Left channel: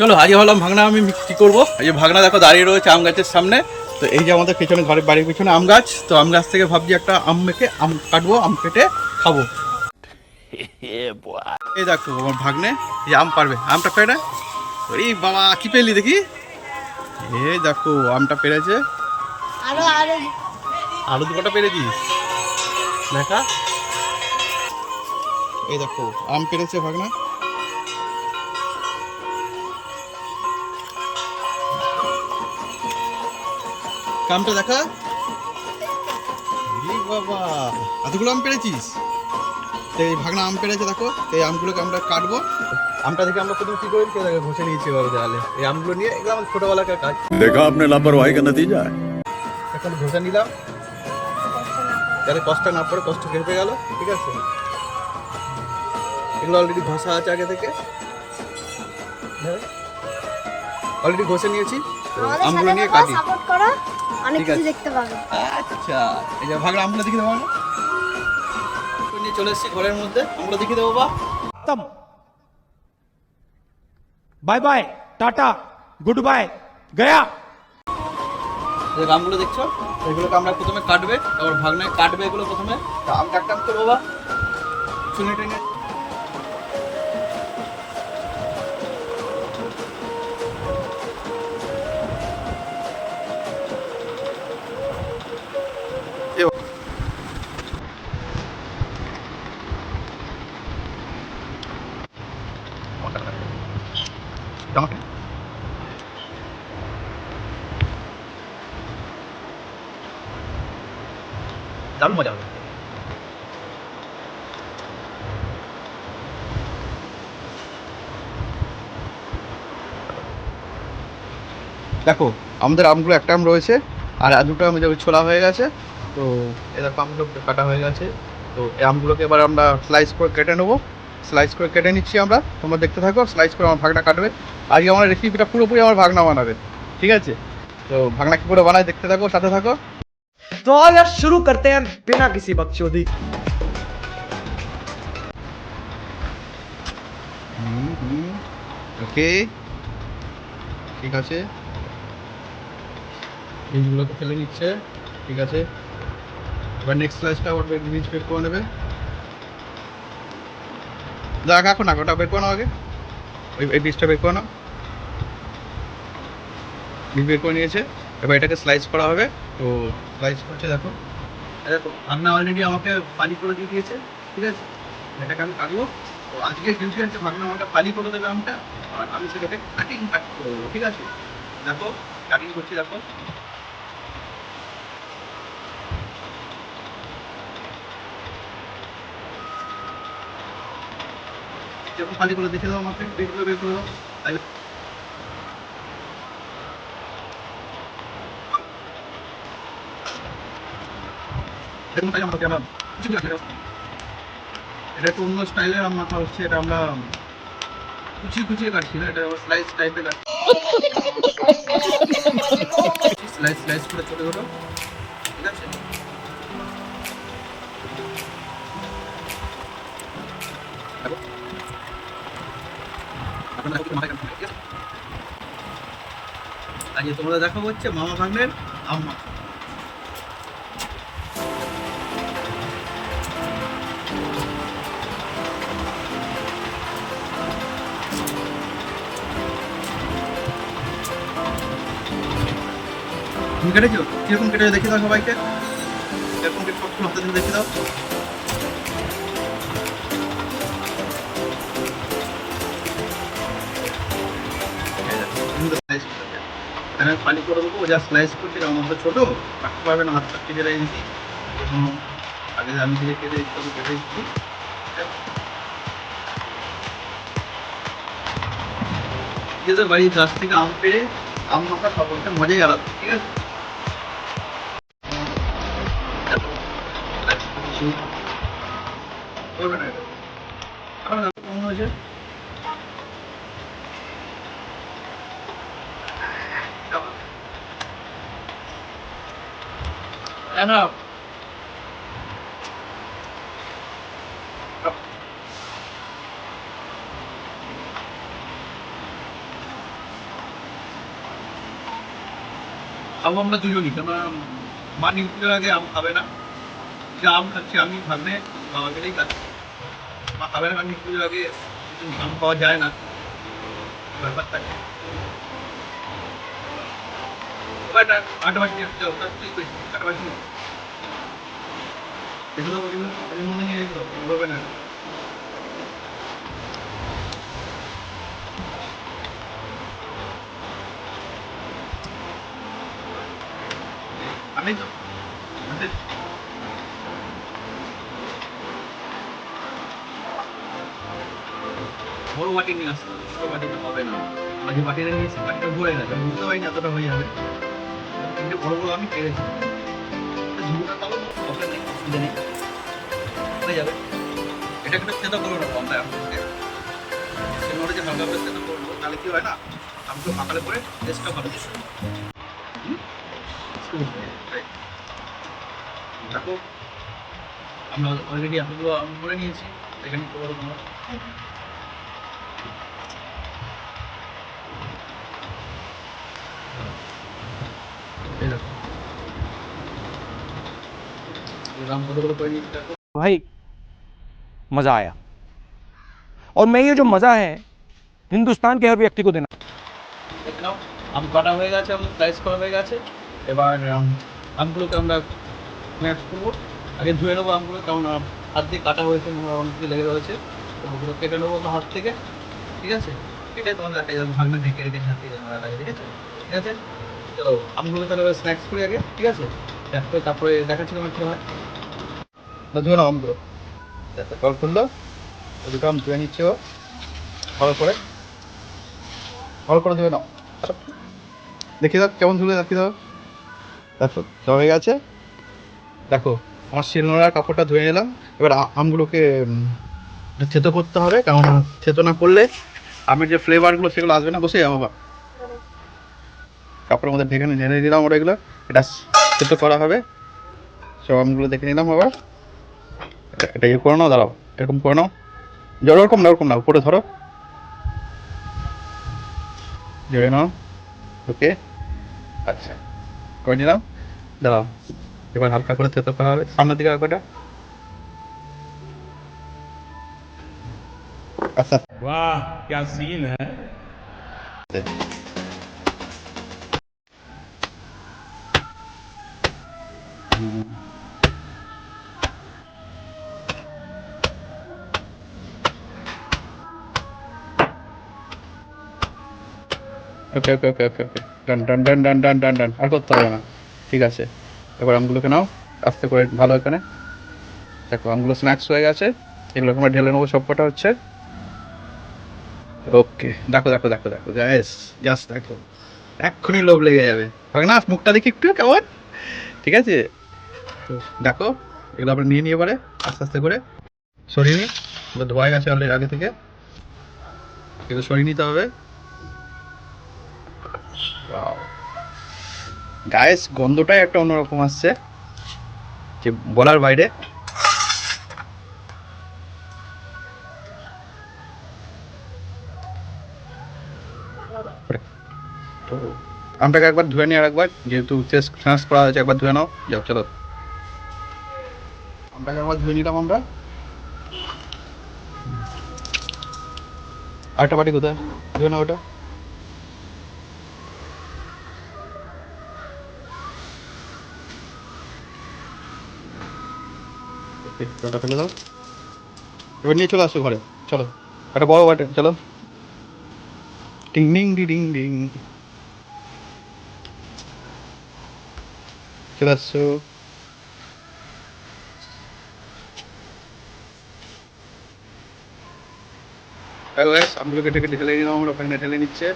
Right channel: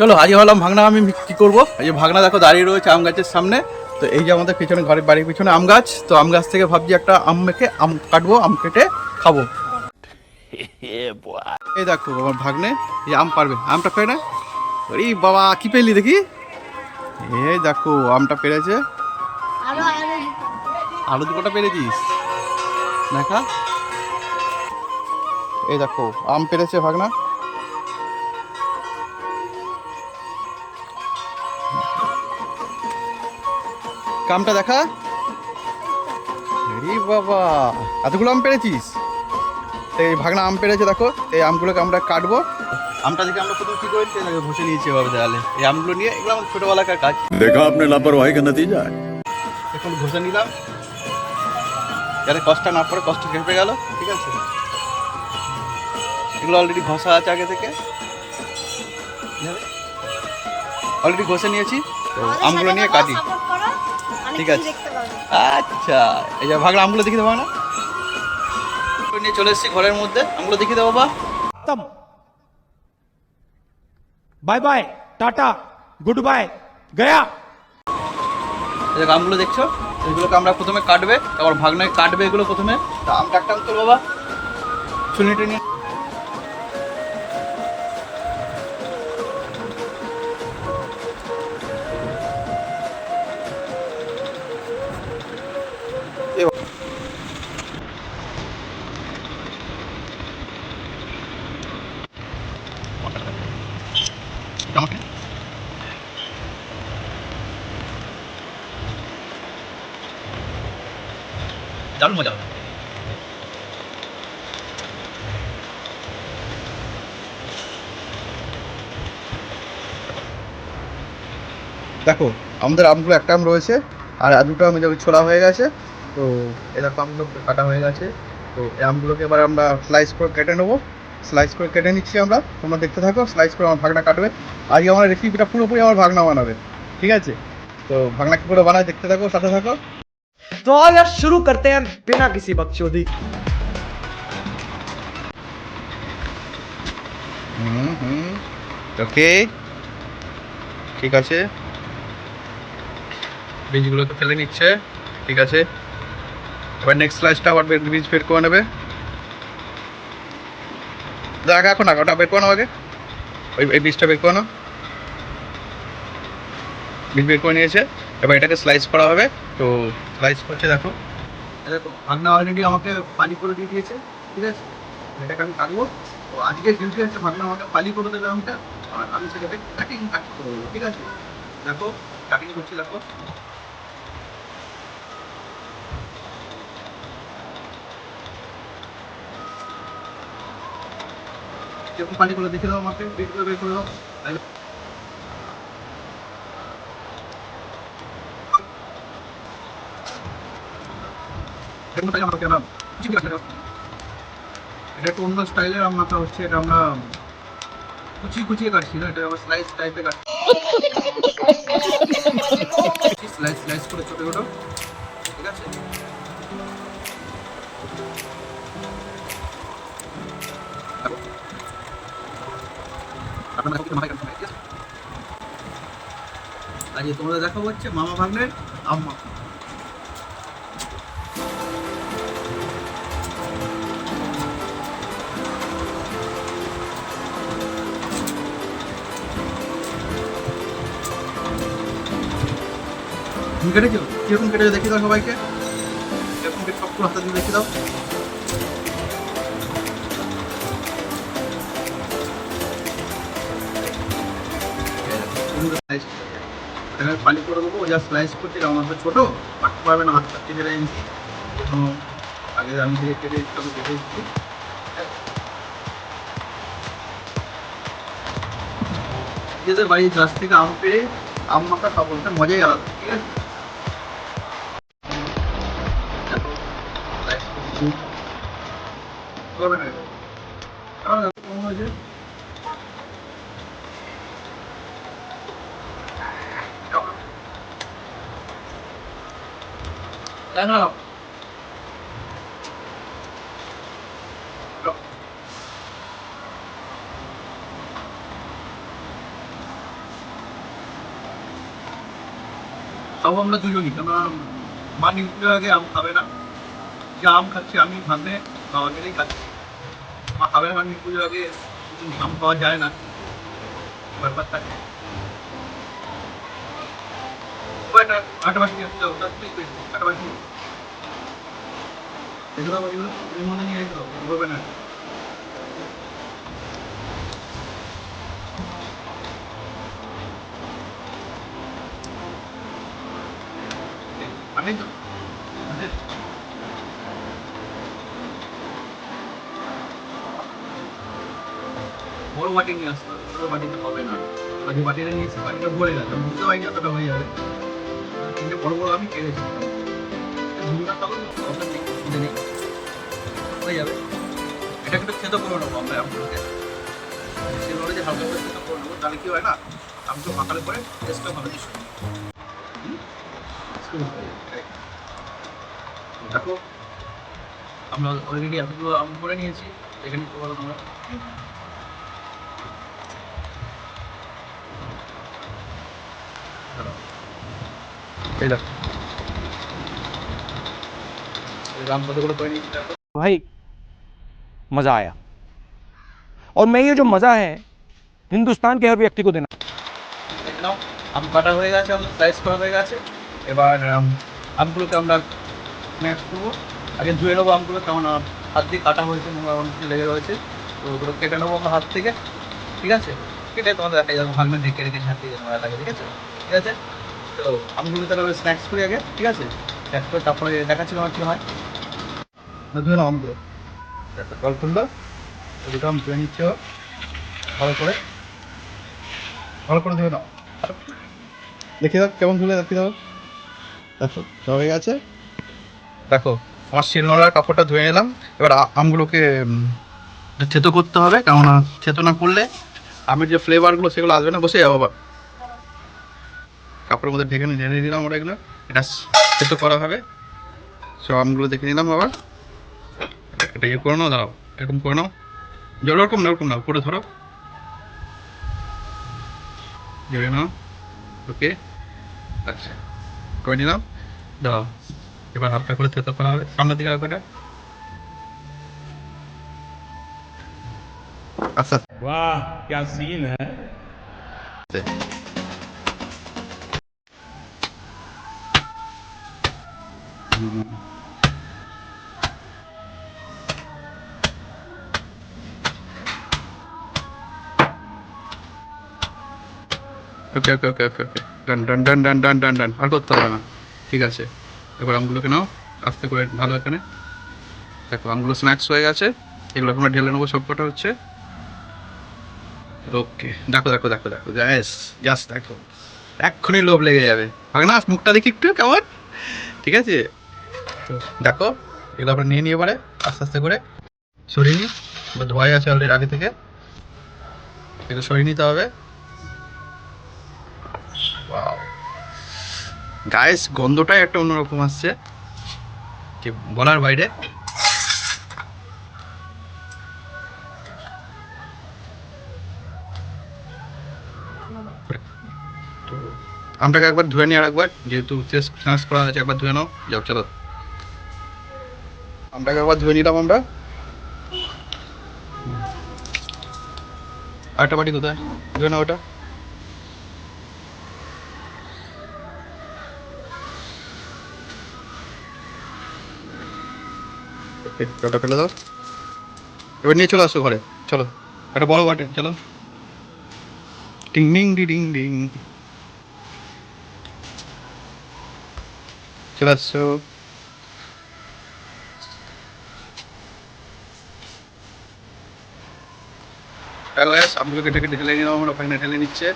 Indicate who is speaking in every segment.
Speaker 1: চলো আজকে হলাম ভাগনা আমি কি করব? এই যে ভাগনা দেখো দাঁড়িয়ে রয়েছে আম গাছের সামনে। তো এই যে আমাদের পিছনে ঘরের বাড়ির পিছনে আম গাছ তো আম গাছ থেকে ভাবছি একটা আম মেখে আম কাটবো আম কেটে খাব। এই দেখো আমার ভাগ্নে এই আম পারবে। আমটা পেরে ওরে বাবা কি পেলি দেখি? এই দেখো আমটা পেরেছে আলু দু কটা পেরেছিস দেখা। এই দেখো আম পেরেছে ভাগনা। কামটা দেখা। বাবা এতগুলো আম পেরেছিস এই ভাগনা আম পেরেছে দেখো। এই আমগুলোকে আমরা কাটবো। আমটা থেকে আমরা প্রথমে কি করি? তাকে ঘষে নিয়েছি বাবা দেওয়ালে এই আমগুলো নিয়ে এগুলো আমার ছোটোবেলাকার কাজ।
Speaker 2: দেখা আপনার লাপরওয়াহি কেন দিয়ে যায়?
Speaker 1: এখন ঘষে নিলাম। যাতে কষ্ট না পড়ে কষ্ট খেপে গেল ঠিক আছে? এগুলো অলরেডি ঘষা আছে আগে থেকে। অলরেডি ঘষে নিয়েছি। তো আমগুলো নিয়ে কাটি। ঠিক আছে। আচ্ছা এই যে দেখে দেবো না? নিয়ে চলে এসেছি ঘরের মধ্যে। দেবো
Speaker 3: bye bye tata good bye গয়া।
Speaker 1: এই আমগুলো দেখছ? এগুলোকে আমরা প্রথমে কাটবে আবার ভাগ্নে কাটবে এগুলো প্রথমে। আম টাকটাম তো বাবা শুনে টুনে দেখো আমাদের আমগুলো একটা আম রয়েছে আর আর দুটো আম এই দেখো ছোলা হয়ে গেছে তো এই দেখো আমগুলো কাটা হয়ে গেছে তো এই আমগুলোকে এবার আমরা স্লাইস করে কেটে নেবো স্লাইস করে কেটে নিচ্ছি আমরা তোমরা দেখতে থাকো স্লাইস করে আমার ভাগনা কাটবে আজকে আমার রেসিপিটা পুরোপুরি আমার ভাগনা বানাবে ঠিক আছে তো ভাগনা কী করে বানায় দেখতে থাকো সাথে থাকো
Speaker 4: तो आओ यार शुरू करते हैं बिना किसी बकचोदी
Speaker 1: হুম হুম ওকে ঠিক আছে বীজগুলোকে ফেলে নিচ্ছে। ঠিক আছে? এবার নেক্সট স্লাইসটা আবার বের- বীজ বের করে নেবে। দেখ এখন না ওটা বের করে নাও আগে। ওই এই বীজটা বের করে নাও। বীজ বের করে নিয়েছে। এবার এটাকে স্লাইস করা হবে। তো স্লাইস করছে, দেখো। দেখো ভাগনা অলরেডি আমাকে পানি করে দিয়ে দিয়েছে। ঠিক আছে? এটাকে আমি কাটবো। তো আজকে ডিউটি আছে ভাগনা আমাকে পালি করে দেবে আমটা। আর আমি সেটাকে কাটিং কাট করে দেবো। ঠিক আছে? দেখো কাটিং করছি, দেখো। যখন পালি করে দেখে দাও আমাকে করে বের করে দাও। এটা একটু অন্য স্টাইলের মাথা হচ্ছে এটা আমরা কুচিয়ে কুচিয়ে এটা স্লাইস টাইপের স্লাইস করে ছোট, ঠিক আছে। আজকে তোমরা দেখাবো হচ্ছে মামা ভাগ্নের আম মাখা তুমি কেটেছো? কীরকম কেটেছো? দেখি দাও সবাইকে। কীরকম কেটে সবগুলো হাতে দিয়ে দেখি দাও। এখানে পানি করে দেবো, যা স্লাইস করছে এটা আমার ছোটো কাটতে পারবে না, হাত কাটতে যেটা দিচ্ছি এখনও আগে আমি থেকে কেটে তবে কেটে দিচ্ছি। নিজেদের বাড়ির গাছ থেকে আম পেড়ে, আম মাথা খাব মজাই আলাদা, ঠিক আছে? করবে না Enno. अब हमने तो यू नहीं करना मान निकल गया कि हम खावे ना। क्या हम खर्चे हम ही हाँ, हाँ, खाने खावे के लिए खाते। खावे ना मान निकल गया कि हम खाओ जाए ना। बर्बाद कर ওটা আট মাস নিয়ে আসতে ওটা তুই করিস আট নিয়ে হবে। না। আমি আসতে হবে ছোট হবে না। যে বাটিটা নিয়েছি বাটিটা ভরে গেছে, বুঝতে পারিনি এতটা হয়ে যাবে। তিনটে বড় বড় আমি কেড়েছি ঝুড়িটা তাহলে প্রবলেম নেই অসুবিধা নেই। হয়ে যাবে। এটা কিন্তু খেতে করে নেব আমরা আমাকে সিলভারে যে হালকা করে করে নেব, তাহলে কি হয় না, আমি তো পাকালে পরে টেস্টটা ভালো কিছু দেখো, আমরা অলরেডি এতগুলো আম করে নিয়েছি, এখানে কি এই দেখো এই রাম কতগুলো করে নিয়েছি দেখো
Speaker 4: भाई मज़ा आया और मैं ये जो मज़ा है हिंदुस्तान के हर व्यक्ति को देना
Speaker 1: দেখে নাও আম কাটা হয়ে গেছে আমরা স্লাইস করা হয়ে গেছে এবার আম, আমগুলোকে আমরা স্ন্যাক্স করবো আগে ধুয়ে নেবো আমগুলো কারণ আম হাত দিয়ে কাটা হয়েছে নোংরা অনেক কিছু লেগে রয়েছে তো ওগুলো কেটে নেবো আমরা হাত থেকে ঠিক আছে কেটে তোমাদের দেখা যাবে ভাগনা ঢেকে রেখে হাত দিয়ে নোংরা লাগে ঠিক আছে ঠিক আছে তো তাহলে স্ন্যাক্স করি আগে ঠিক আছে? স্ন্যাক্স করে তারপরে দেখাচ্ছি আমার কি হয়। ধুয়ে নাও আমগুলো। খুললো দুটো আম ধুয়ে নিচ্ছে ভালো করে। ভালো করে ধুয়ে নাও। দেখি দাও কেমন ধুলে রাখি দাও। দেখো হয়ে গেছে। দেখো আমার শিলনোড়ার কাপড়টা ধুয়ে নিলাম। এবার আমগুলোকে থেতো করতে হবে কেননা থেতো না করলে আমের যে ফ্লেভারগুলো সেগুলো আসবে না বসে যাব কাপড়ের মধ্যে ঢেকে নিয়ে ঢেলে দিলাম আমরা এগুলো এটা থেতো করা হবে সব আমগুলো দেখে নিলাম আবার এটা- এটা ইয়ে করে নাও দাঁড়াও এরকম করে নাও জল ওরকম না ওরকম না উপরে ধরো জয় নাও ওকে আচ্ছা করে নিলাম দাঁড়াও এবার হালকা করে তেতো করা হবে সামনের দিকে হালকাটা আচ্ছা
Speaker 3: वाह क्या सीन है
Speaker 1: ওকে ওকে ওকে ওকে ওকে ডান ডান ডান ডান ডান ডান ডান আর করতে হবে না। ঠিক আছে। এবার আমগুলোকে নাও। আস্তে করে ভালো এখানে। দেখো আমগুলো স্ন্যাক্স হয়ে গেছে। এগুলো আমরা ঢেলে নেব সব কটা হচ্ছে। ওকে দেখো দেখো দেখো দেখো। জাস জাস্ট দেখো। এক্ষুনি লোভ লেগে যাবে। ভাগ না মুখটা দেখি একটু, কেমন? ঠিক আছে? দেখো, এগুলো আমরা নিয়ে নিয়ে পারে আস্তে আস্তে করে। সরিয়ে নিই ধোয়াই আছে অলরেডি আগে থেকে। এগুলো সরিয়ে নিতে হবে। গায়েস গন্ধটাই একটা অন্যরকম আসছে, যে বলার বাইরে। আমটাকে একবার ধুয়ে নিই আর একবার যেহেতু করা হয়েছে, একবার ধুয়ে নাও। যাও, চলো। আমটাকে একবার ধুয়ে নিলাম আমরা। আরেকটা বাটি কোথায়? ধুয়ে নাও ওটা। জলটা ফেলে দাও। এবার নিয়ে চলে আসো ঘরে। চলো, একটা বড় বাটে, চলো। টিং ডিং ডি ডিং ডিং চলে আসছো হ্যালো গ্যাস আমগুলোকে ঢেকে ঢেলে নিলাম, আমরা ওখানে ঢেলে নিচ্ছে।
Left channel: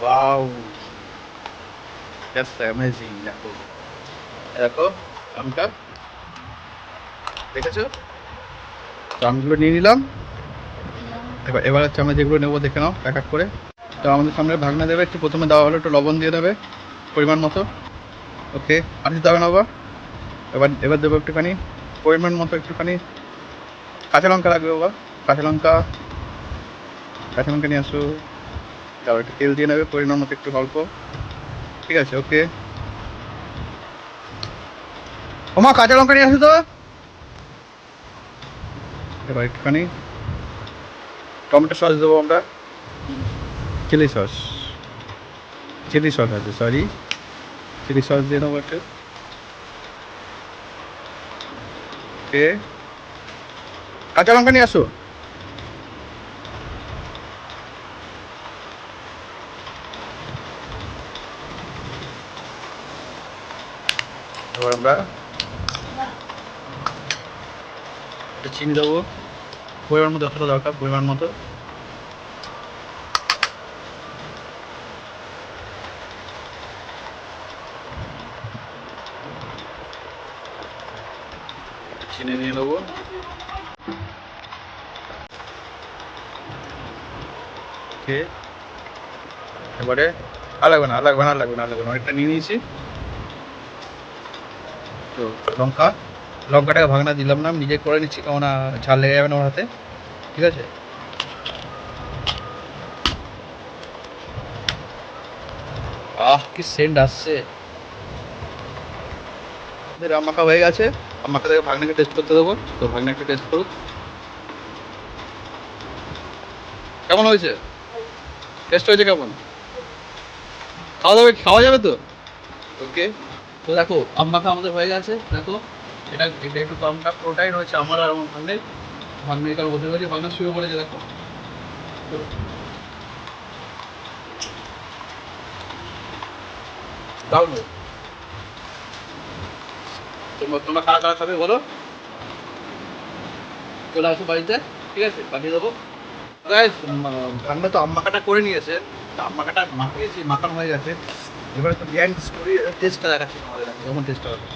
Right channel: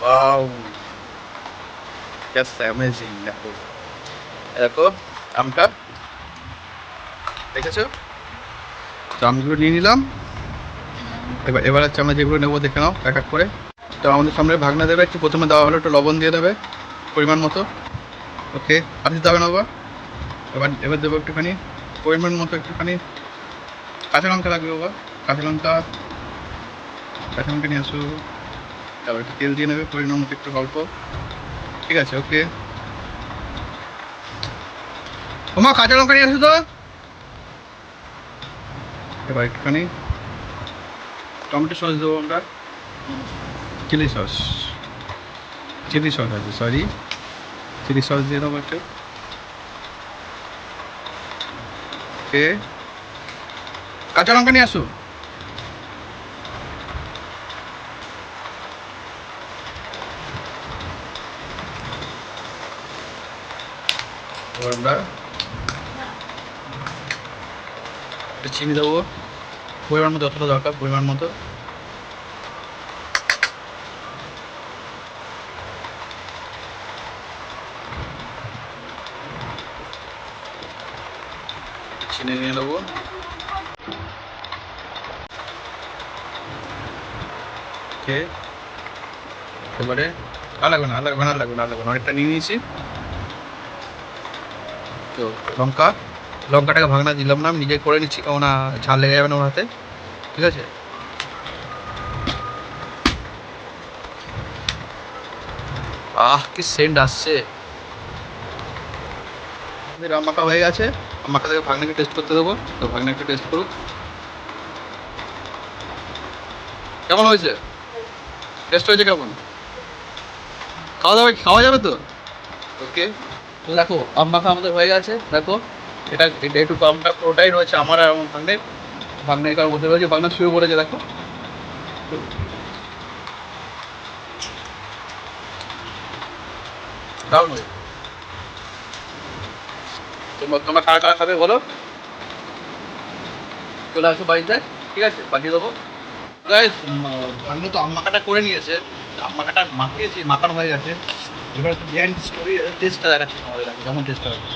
Speaker 1: ওয়াও জাস্ট অ্যামেজিং দেখো। দেখো, আমটা। দেখেছ? তো আমগুলো নিয়ে নিলাম। এবার এবার হচ্ছে আমরা যেগুলো নেব, দেখে নাও, এক এক করে। তো আমাদের সামনে ভাগনা দেবে, একটু প্রথমে দেওয়া হলো, একটু লবণ দিয়ে দেবে, পরিমাণ মতো। ওকে, আর দিতে হবে না বাবা। এবার এবার দেবো একটুখানি, পরিমাণ মতো একটুখানি। কাঁচা লঙ্কা লাগবে বাবা। কাঁচা লঙ্কা লঙ্কা নিয়ে আসো। তারপর একটু তেল দিয়ে নেবে, পরিমাণ মতো একটু অল্প। ঠিক আছে, ওকে। ওমা কাঁচা লঙ্কা নিয়ে আসো তো। এবার একটুখানি টমেটো সস দেবো আমরা। Chilli sauce. চিলি সস আছে সরি চিলি সস দিয়ে দেবো একটু। ওকে। কাঁচা লঙ্কা নিয়ে আসো। এবার আমরা একটু চিনি দেবো। পরিমাণ মতো যতটা দরকার পরিমাণ মতো। চিনি নিয়ে নেব। এবারে, আর লাগবে না, আর লাগবে না, আর লাগবে না, আর লাগবে না। অনেকটা নিয়ে নিয়েছি। তো লঙ্কা, লঙ্কাটাকে ভাঙনা দিলাম না, আমি নিজে করে নিচ্ছি কেমন না ঝাল লেগে যাবে না ওর হাতে, ঠিক আছে? আহ, কি সেন্ট আসছে। আম হয়ে গেছে আম মাখা থেকে ভাগনাকে টেস্ট করতে দেবো, তো ভাগনাকে টেস্ট করুক। কেমন হয়েছে? টেস্ট হয়েছে কেমন? খাওয়া যাবে খাওয়া যাবে তো? ওকে তো দেখো আম মাখা আমাদের হয়ে গেছে। দেখো, এটা এটা একটু কমটা পুরোটাই রয়েছে, আমার আর আমার ভাগ্নের ভাগ্নের কারণ বলতে পারছি ভাগ্নের শুয়ে পড়েছে, দেখো। দারুণ হয়েছে। তোমরা তোমরা কারা কারা খাবে বলো? চলে আসো বাড়িতে, ঠিক আছে? পাঠিয়ে দেবো। ভাগ্নে তো আম মাখাটা করে নিয়েছে। তো আম মাখাটা মাখিয়েছি, মাখানো হয়ে গেছে। এবারে তো বিহাইন্ড স্টোরি টেস্টটা দেখাচ্ছি আমাদের আমি কেমন টেস্টটা হবে?